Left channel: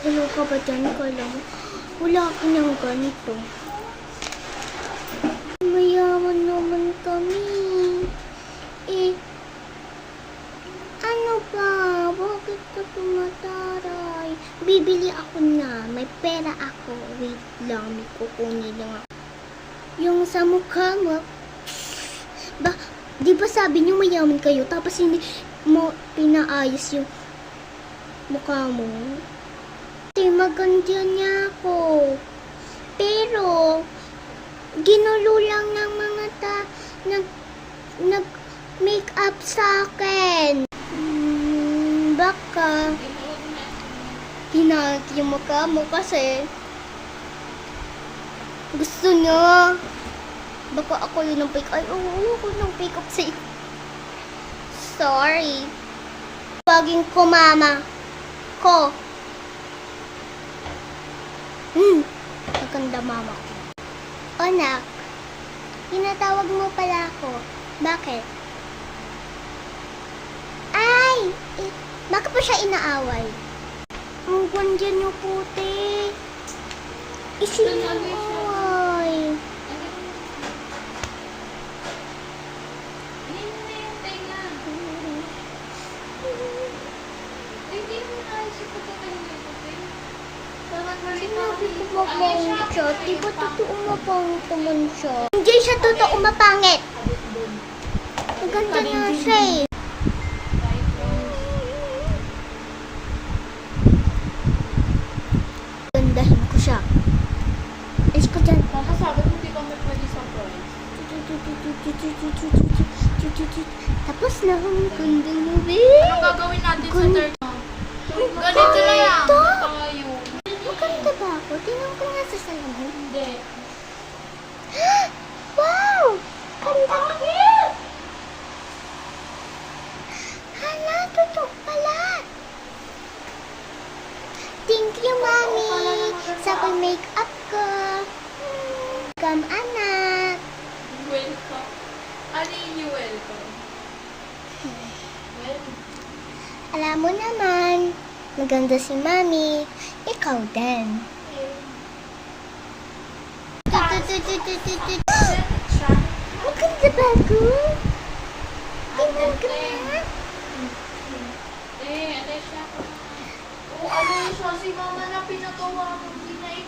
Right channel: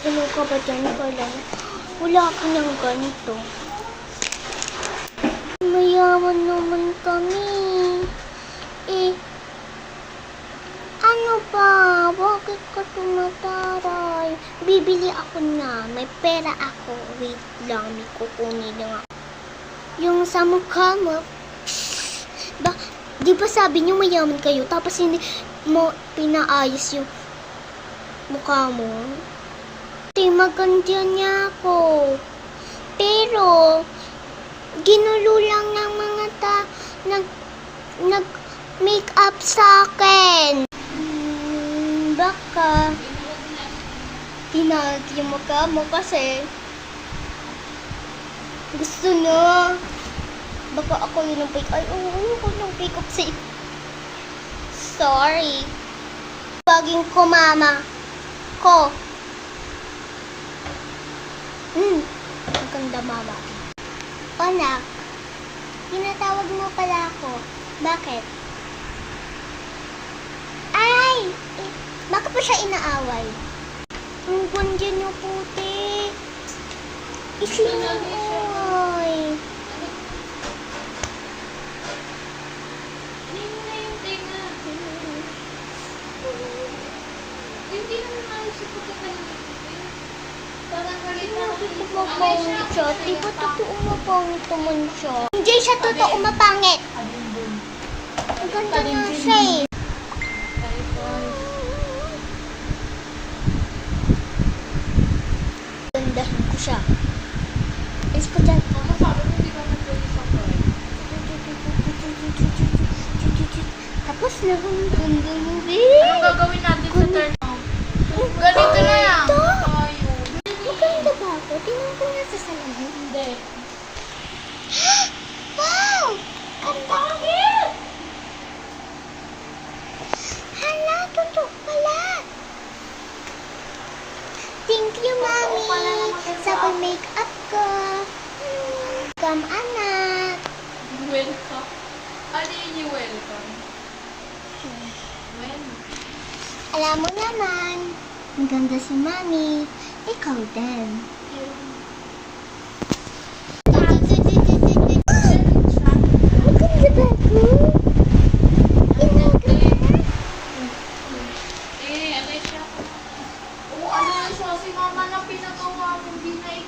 Magulo ka ba dyan ka lang? Wala ka ng ganito. Mayaman naman kami. Eh, ano ba? Bakit ka tumataray? Bibili ako na. May pera ako. Wait lang, may kukunin lang ako. Yung sa mukha mo, ba, di ba sabi niyo mayaman kayo, tapos hindi mo pinaayos yung mukha mo? Di maganda niya ako. Pero, ginulo lang ng mga nag-make up sa akin. Baka, tinawag yung mukha mo kasi gusto niya. Baka ako yun ng pick. Ay, oo, ng pick up sa sorry. Paging ko, mama. Ko. Maganda, mama. Anak, tinatawag mo pala ako. Bakit? Ay! Bakit pa siya inaaway? Ang ganda niyo, puti. Isinoy. Sinabi ko mapangit siya. Di ba totoo mapangit naman siya? Hindi siya totoo mapangit. Ang ganda nga siya eh. Gandahin ko siya. Is ko dyan. Sabi mo hindi ka nagpwede sa price. Tapos na ang ganda mo, babe. Anong gagawin natin sa third mo? Ganito na yan. Maganda ba ako? Tingnan ko nga sa salamin. Hindi. Wow! Ganda ko! Hala, totoo pala. Thank you, Mami, sa pag-makeup ko. Welcome, anak. Welcome. Ano yun yung welcome? Alam mo naman, maganda si Mami. Ikaw din.